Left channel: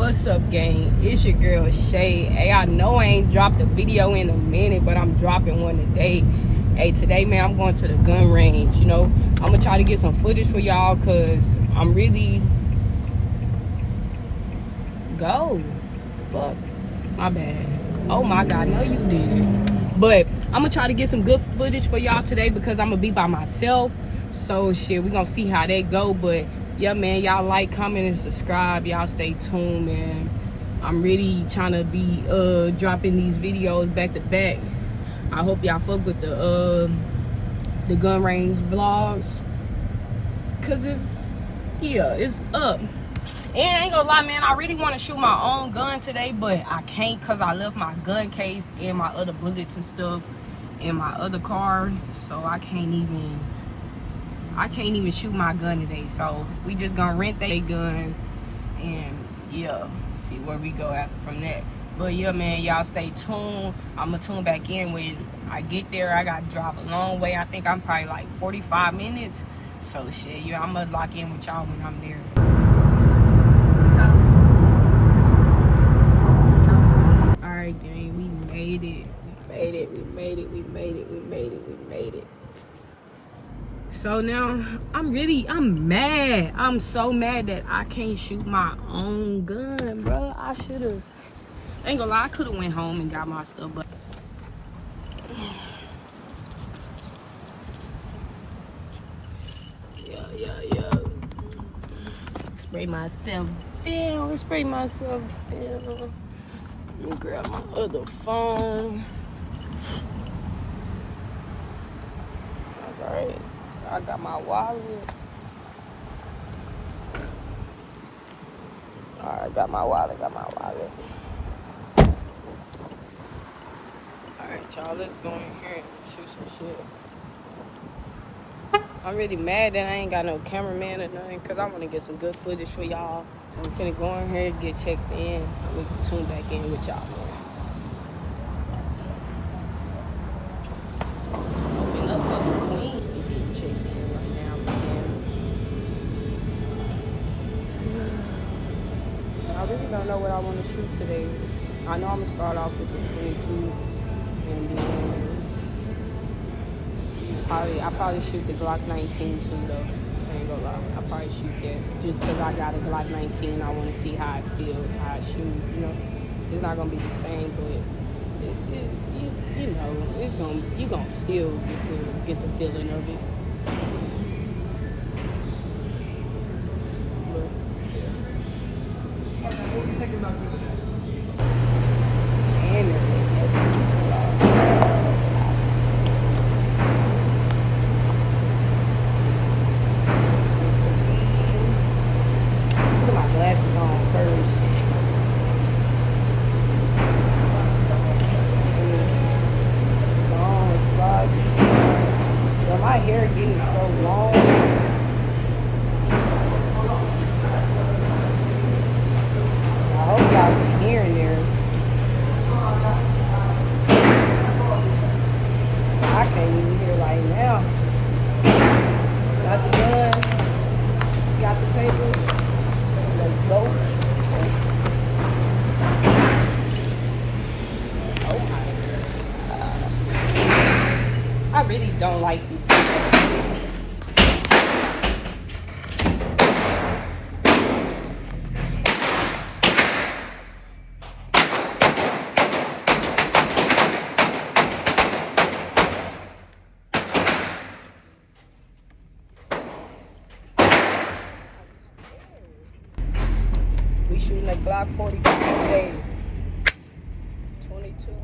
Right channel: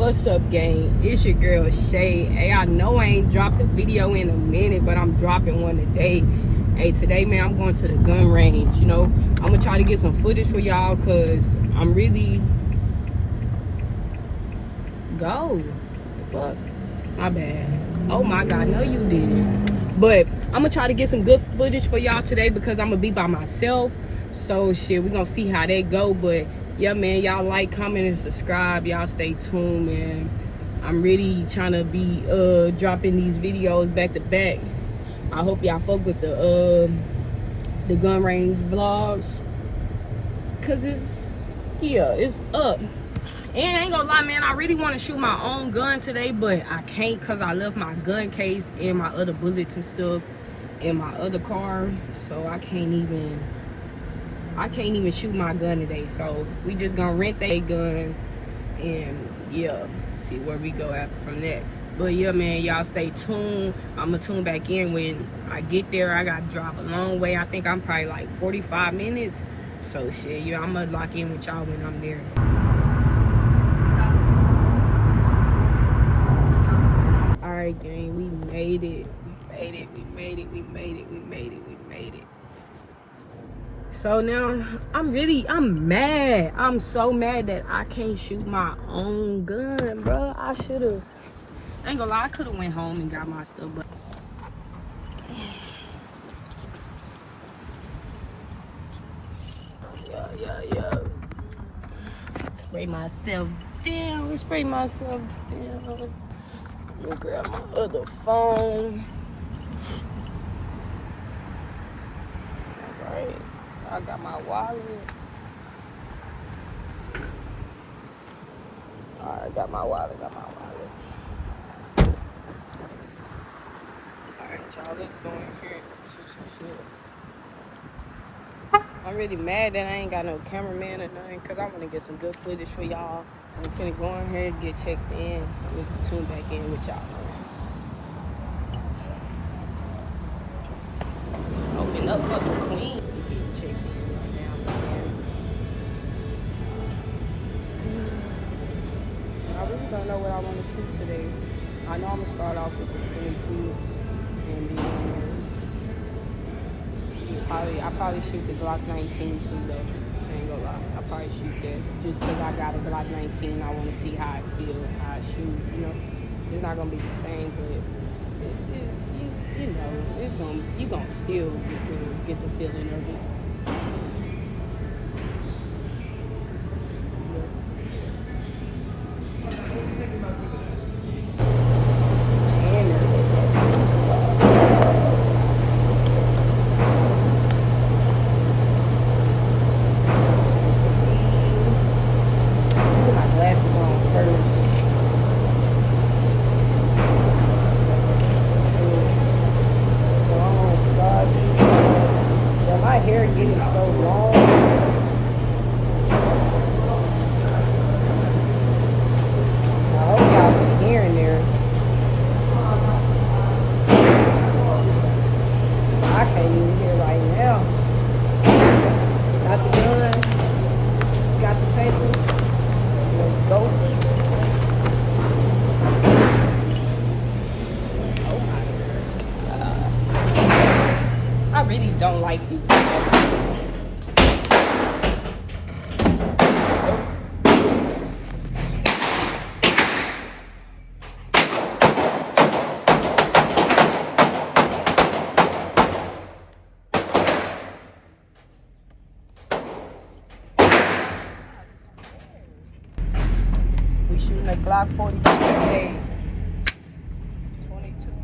What's up, gang? It's your girl Shay. Hey, I know I ain't dropped a video in a minute, but I'm dropping one today. Hey, today, man, I'm going to the gun range. You know, I'm gonna try to get some footage for y'all because I'm really go. The fuck? My bad. Oh my god, no you didn't. But I'm gonna try to get some good footage for y'all today because I'm gonna be by myself. So shit, we gonna see how that go. But yeah, man, y'all like, comment, and subscribe. Y'all stay tuned, man. I'm really trying to be dropping these videos back to back. I hope y'all fuck with the gun range vlogs, cause it's up. And I ain't gonna lie, man, I really want to shoot my own gun today, but I can't cause I left my gun case and my other bullets and stuff in my other car, so I can't even shoot my gun today. So we just gonna rent their guns and yeah, see where we go after from that. But yeah, man, y'all stay tuned. I'm gonna tune back in when I get there. I gotta drive a long way. I think I'm probably like 45 minutes. So shit, yeah, I'm gonna lock in with y'all when I'm there. Alright, gang, we made it. We made it. So now I'm mad. I'm so mad that I can't shoot my own gun, bro. I should've. I ain't gonna lie, I could've went home and got my stuff, but yeah. Spray myself down. Let me grab my other phone. Alright, I got my wallet. Alright, got my wallet. Alright, y'all, let's go in here and shoot some shit. I'm really mad that I ain't got no cameraman or nothing, because I want to get some good footage for y'all. I'm finna go in here and get checked in. I'm gonna tune back in with y'all, man. Open up for the queens to get checked in right now, man. I really don't know what I want to shoot today. I know I'm gonna start off with the 22, and then I'll probably shoot the Glock 19 too, though. I ain't gonna lie, I'll probably shoot that just because I got a Glock 19. I want to see how I feel, how I shoot. You know, it's not gonna be the same, but you know, you gonna still get the feeling of it. And they're letting that put my glasses on first. Yo, my hair getting so long. I hope y'all can hear in there. I can't even hear right now. Got the gun. Got the paper. Let's go. Oh my God. I really don't like these glasses. We shooting a Glock 45 today. 22.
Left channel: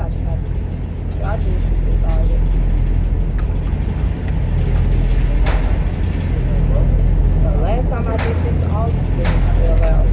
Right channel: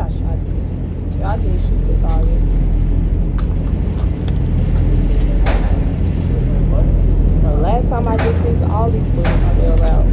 I shot this. Yeah, I did shoot this already. The last time I did this, all these bullets fell out.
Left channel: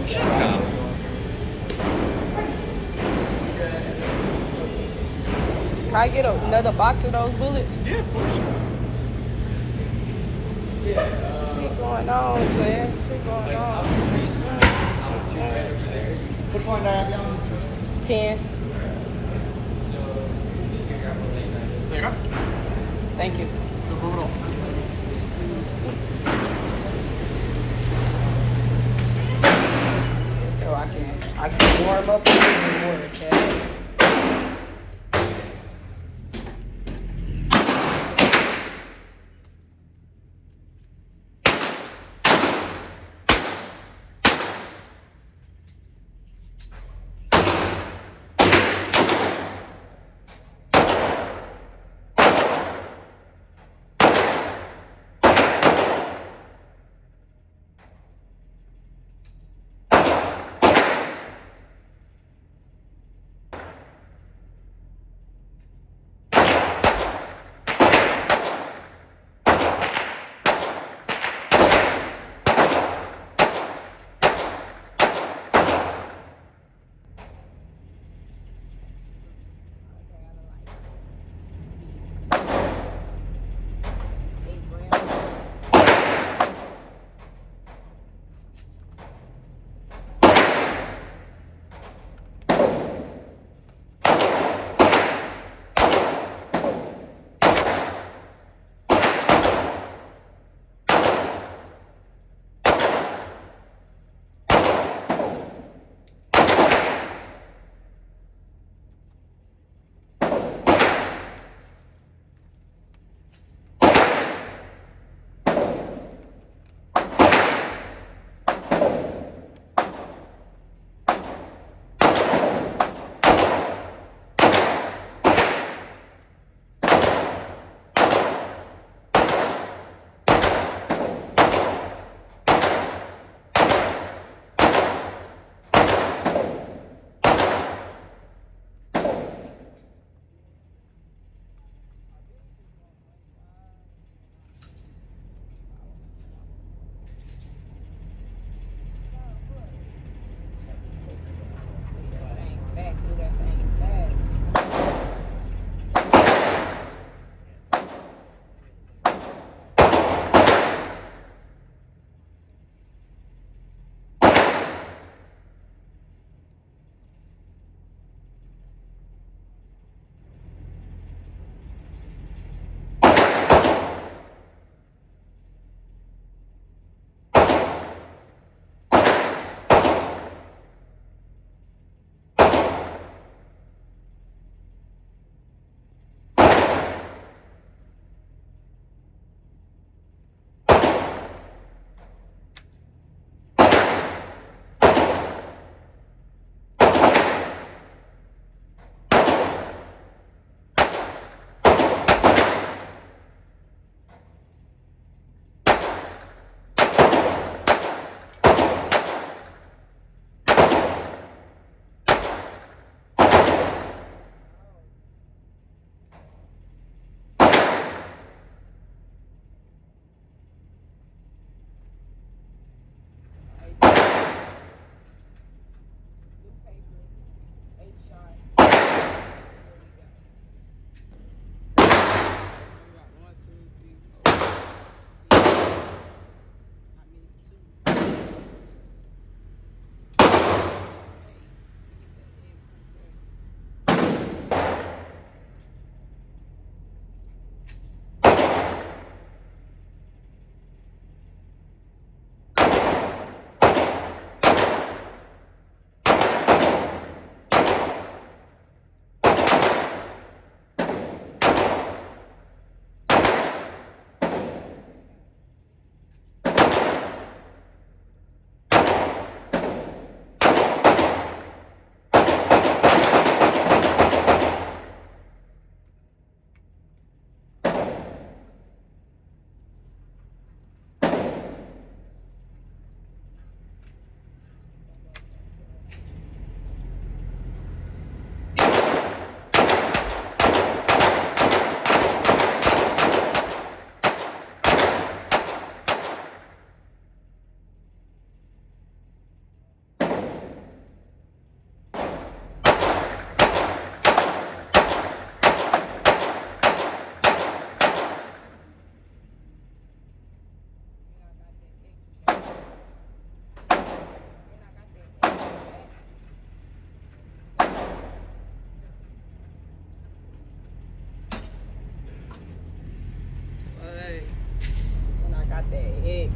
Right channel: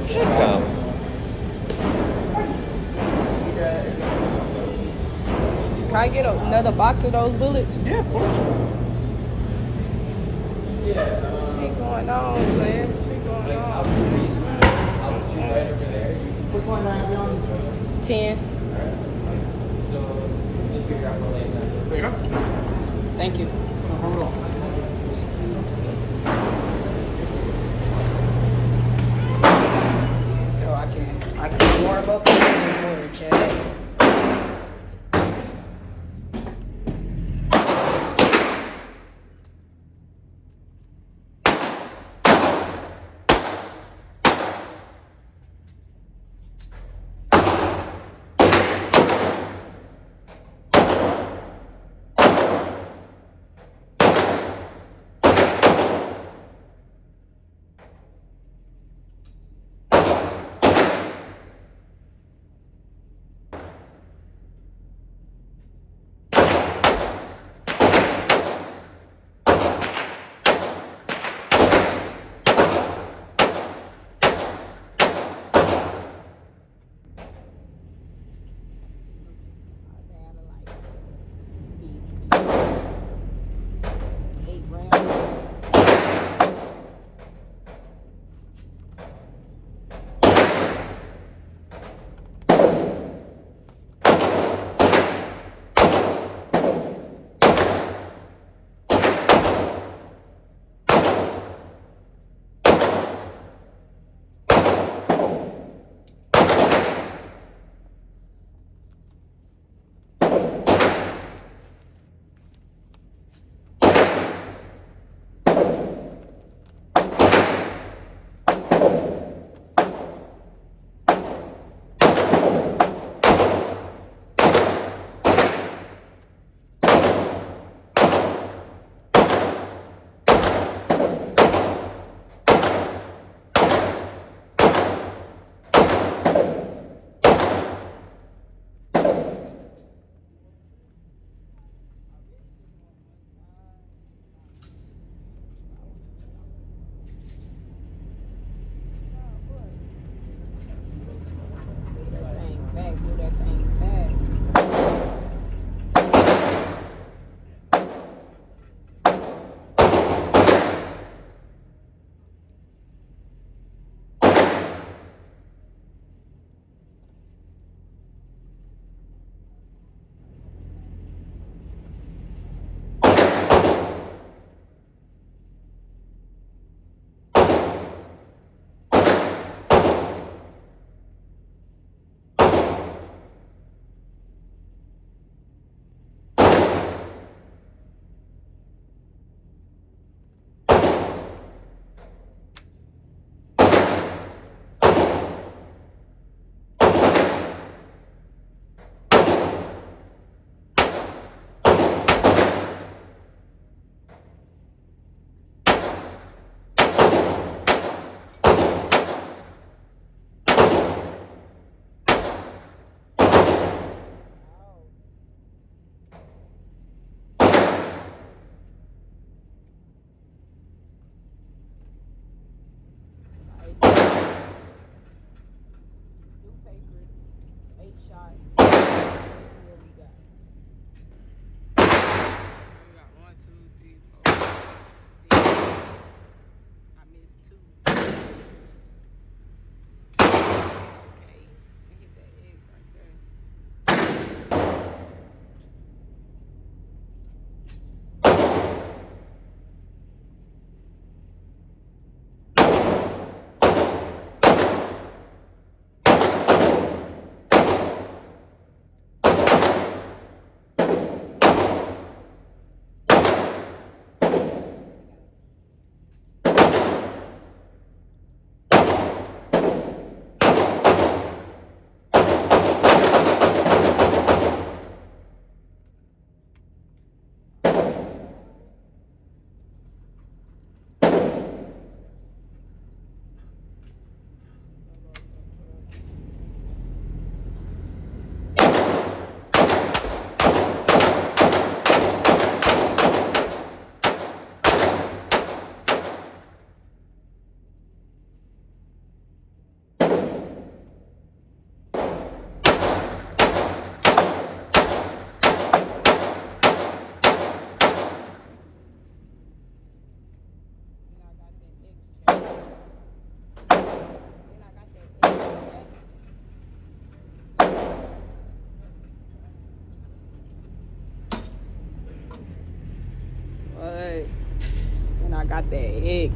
Ciekawe. Can I get another box of those bullets? Yeah, of course. Shit going on, twin. Shit going on. Which one do I have you on? 10. There you go. Thank you. No problem at all. Yeah, so I can warm up a little bit more, Chad.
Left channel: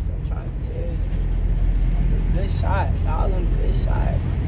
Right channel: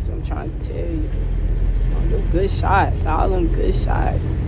facts. I'm trying to tell you. Good shots. All them good shots.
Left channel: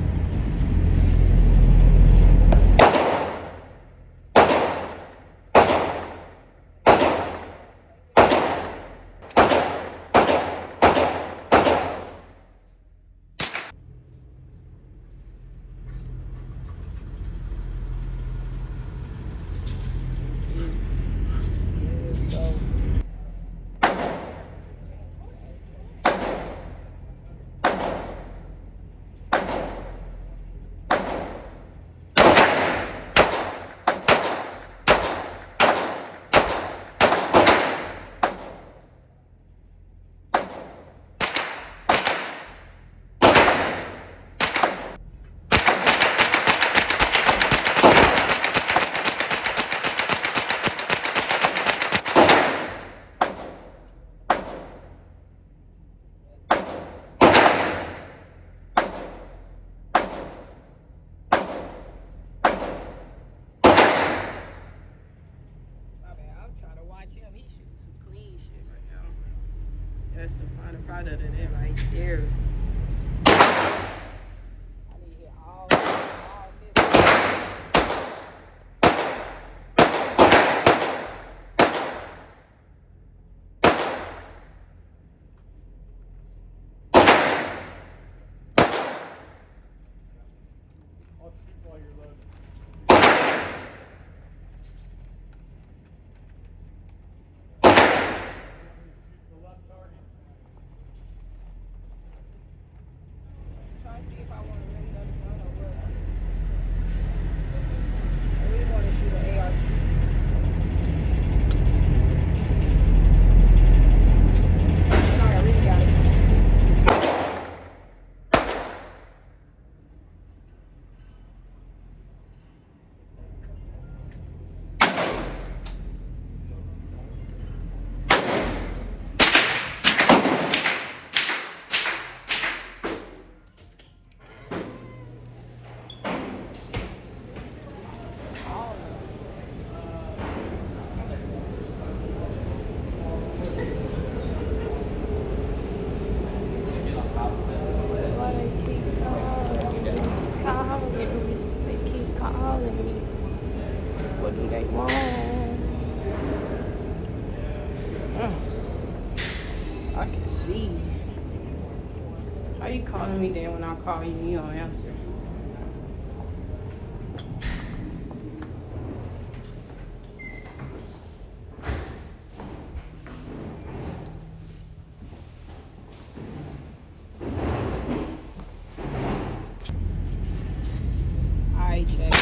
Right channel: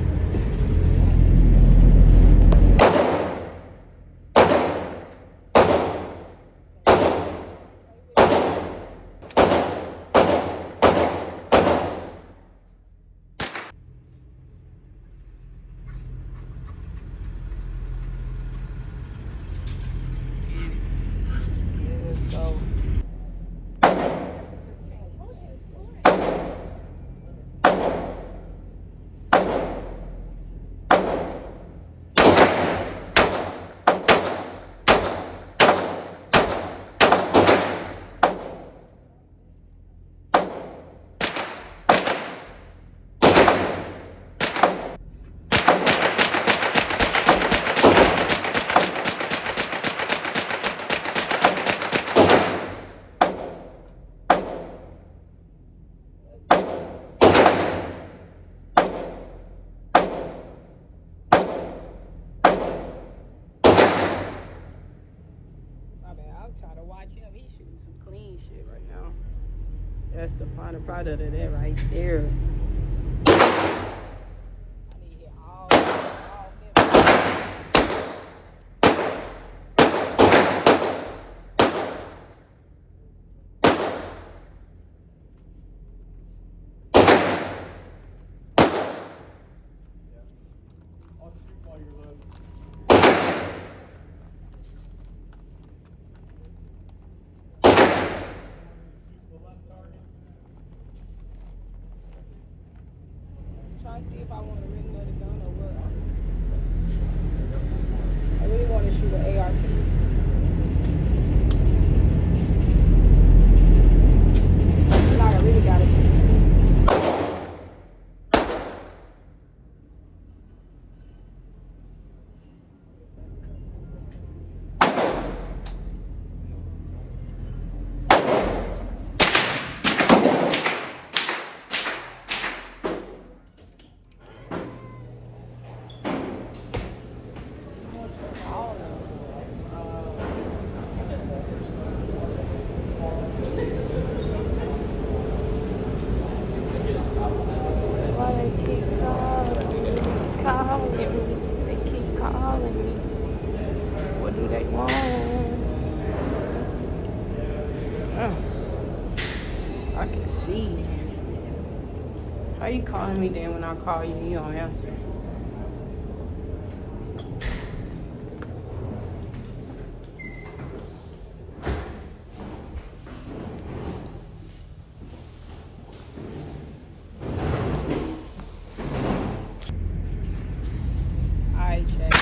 I'll try to watch him. He's shooting some clean shit right now. That's the final product of that right there. I need to hit all 50. Try to see if I want to rent another gun or what. I really want to shoot an ARP. But I really got to keep They keep calling me. What do they want? I can see. How you calling me then when I call you and you don't answer? Check.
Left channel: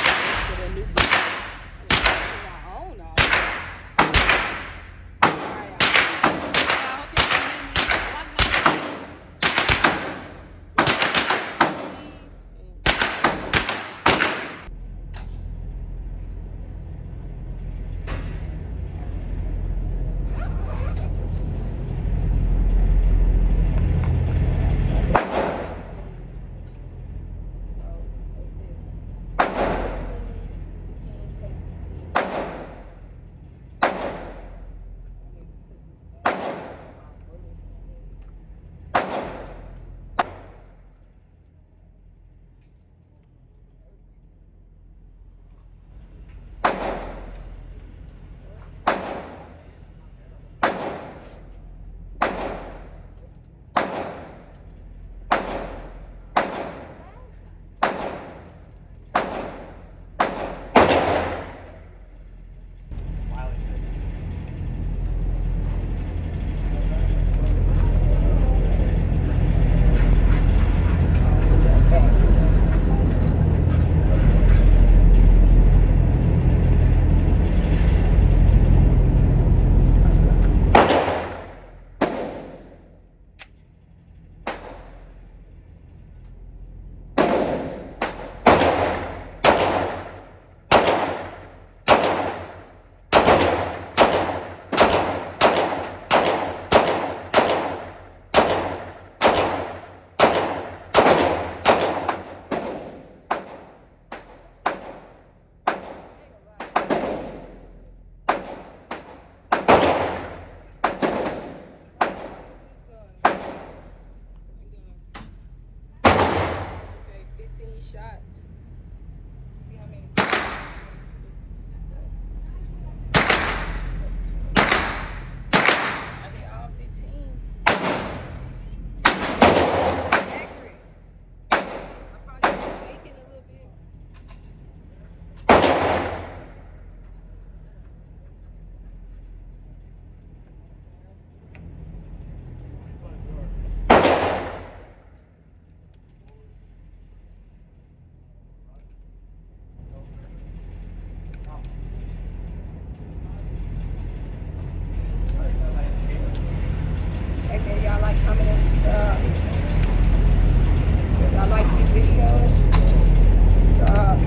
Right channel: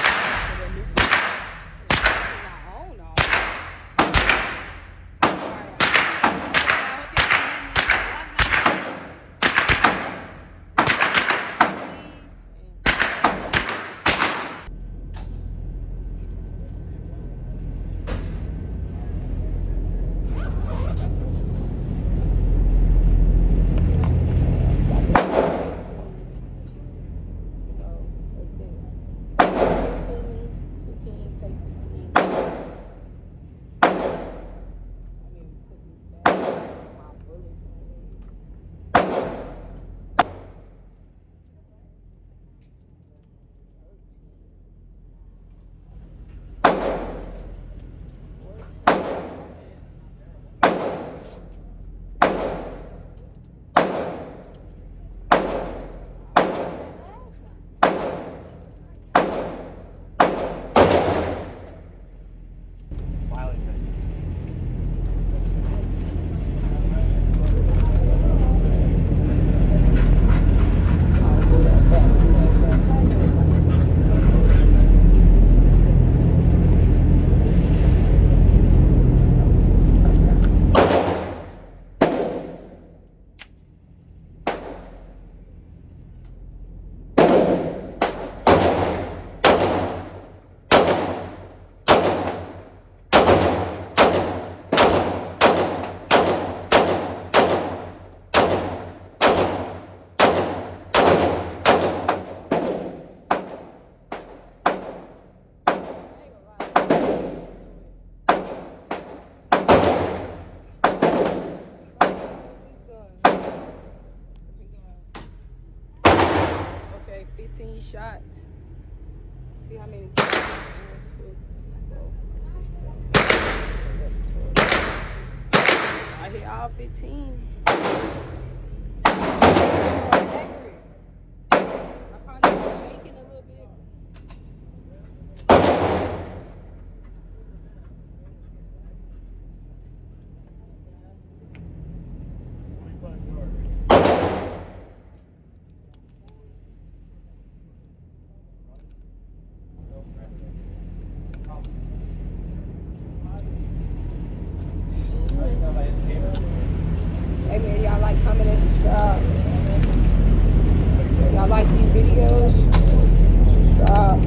15 shots. See how many? I hit all 15. More accurate. I probably was shaking a little bit. Hey man, y'all like, comment, and subscribe. Y'all like these videos? Subscribe.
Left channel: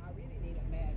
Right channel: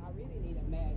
I really need a mag.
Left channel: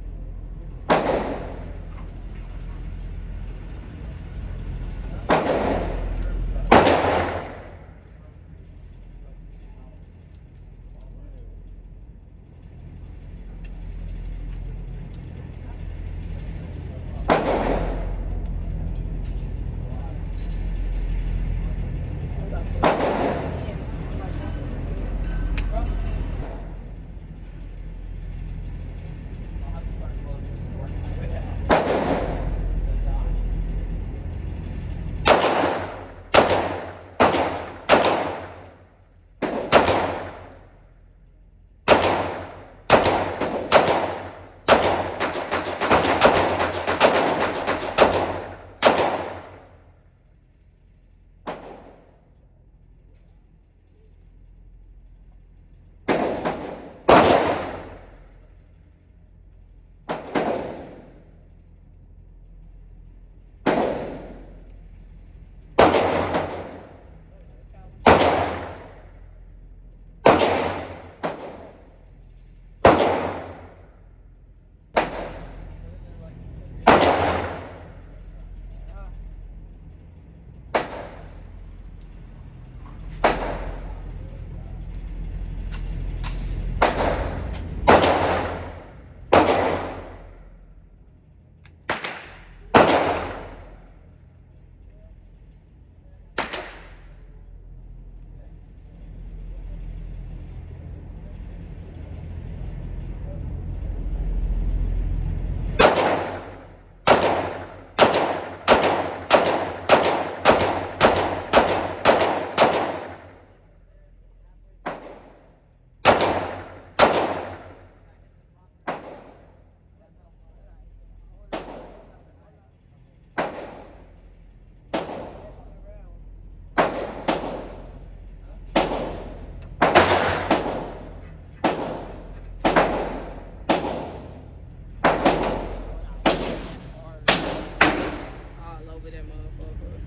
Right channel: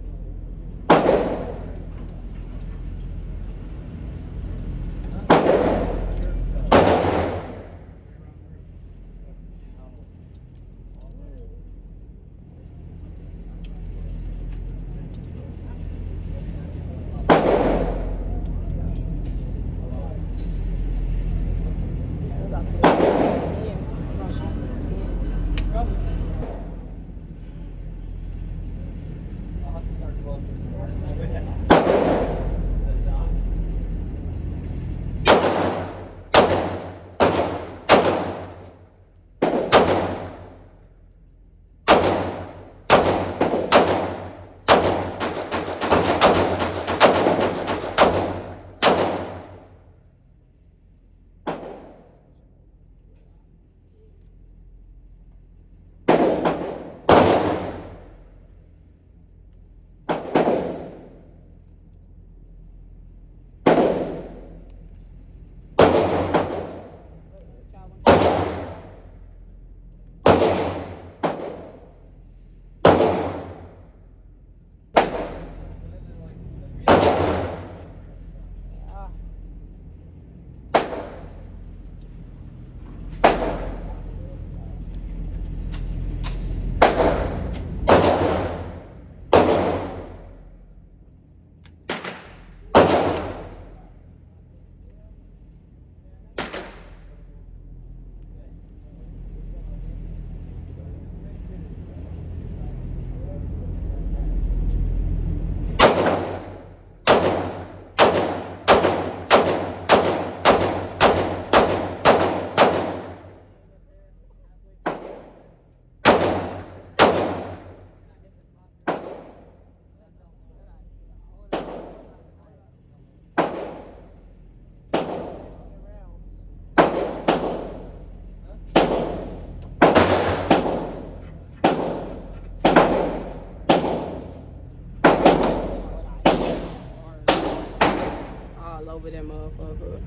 Over that motherfucker.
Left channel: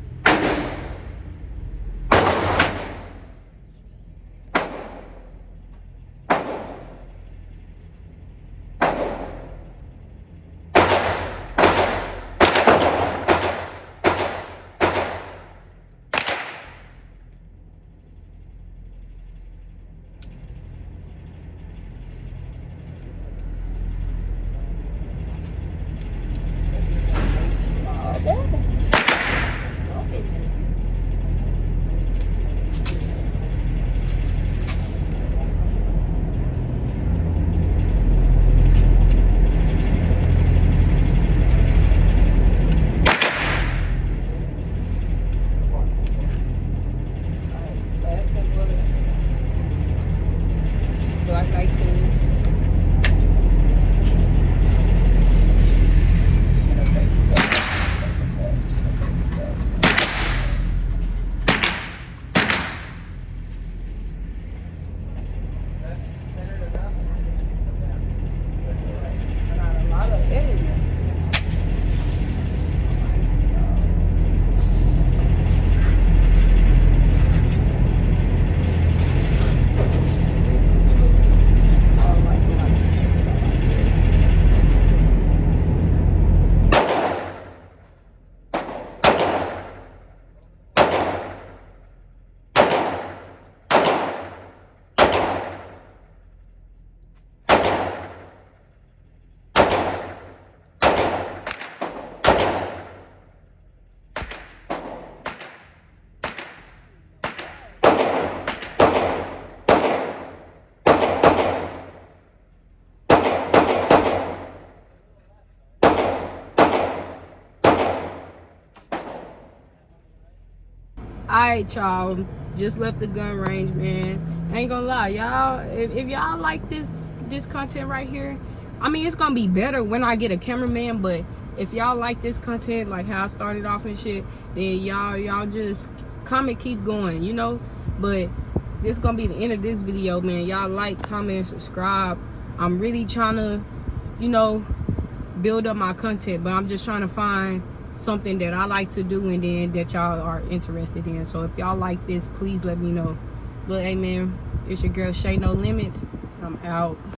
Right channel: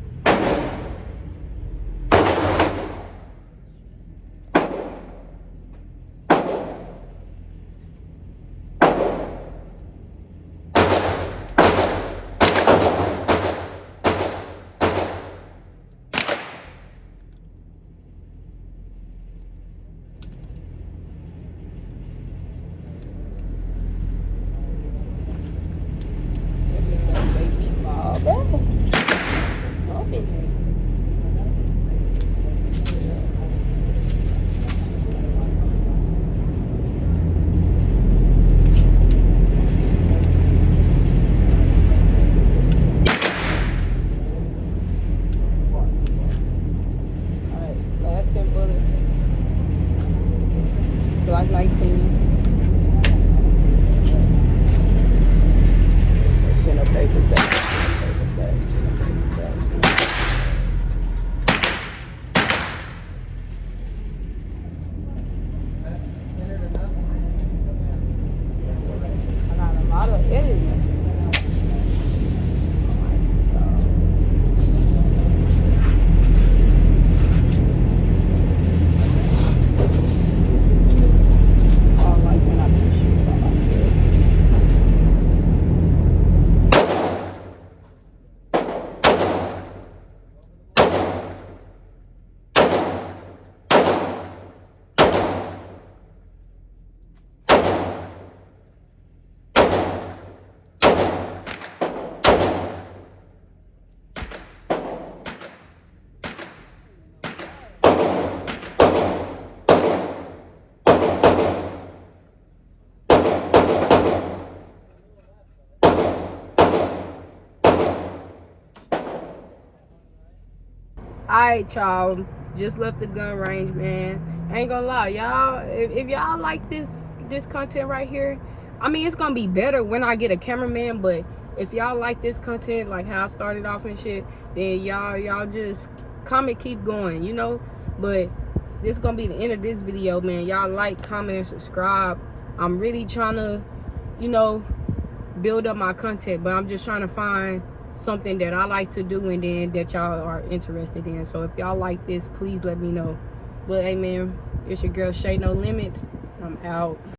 Glock 19. Send a paper back. Send a paper back. I got a lot of editing. Oh my Alright, y'all. Just left the gun range, man. I ain't gonna lie, y'all. If y'all like this content right here, I mean, it's gonna be better when I get a cameraman, but if y'all like this content, like how I started off and shit, then y'all just comment, keep going, you know. But this is gonna be the end of this video, man. Y'all like, comment, subscribe. I'm really trying to, you know, build up my content, but I'm just trying to find something that I like to do and then that y'all are interested in. So if y'all like this, please let me know. But hey, man, it's your girl Shay No Limits. I'm out.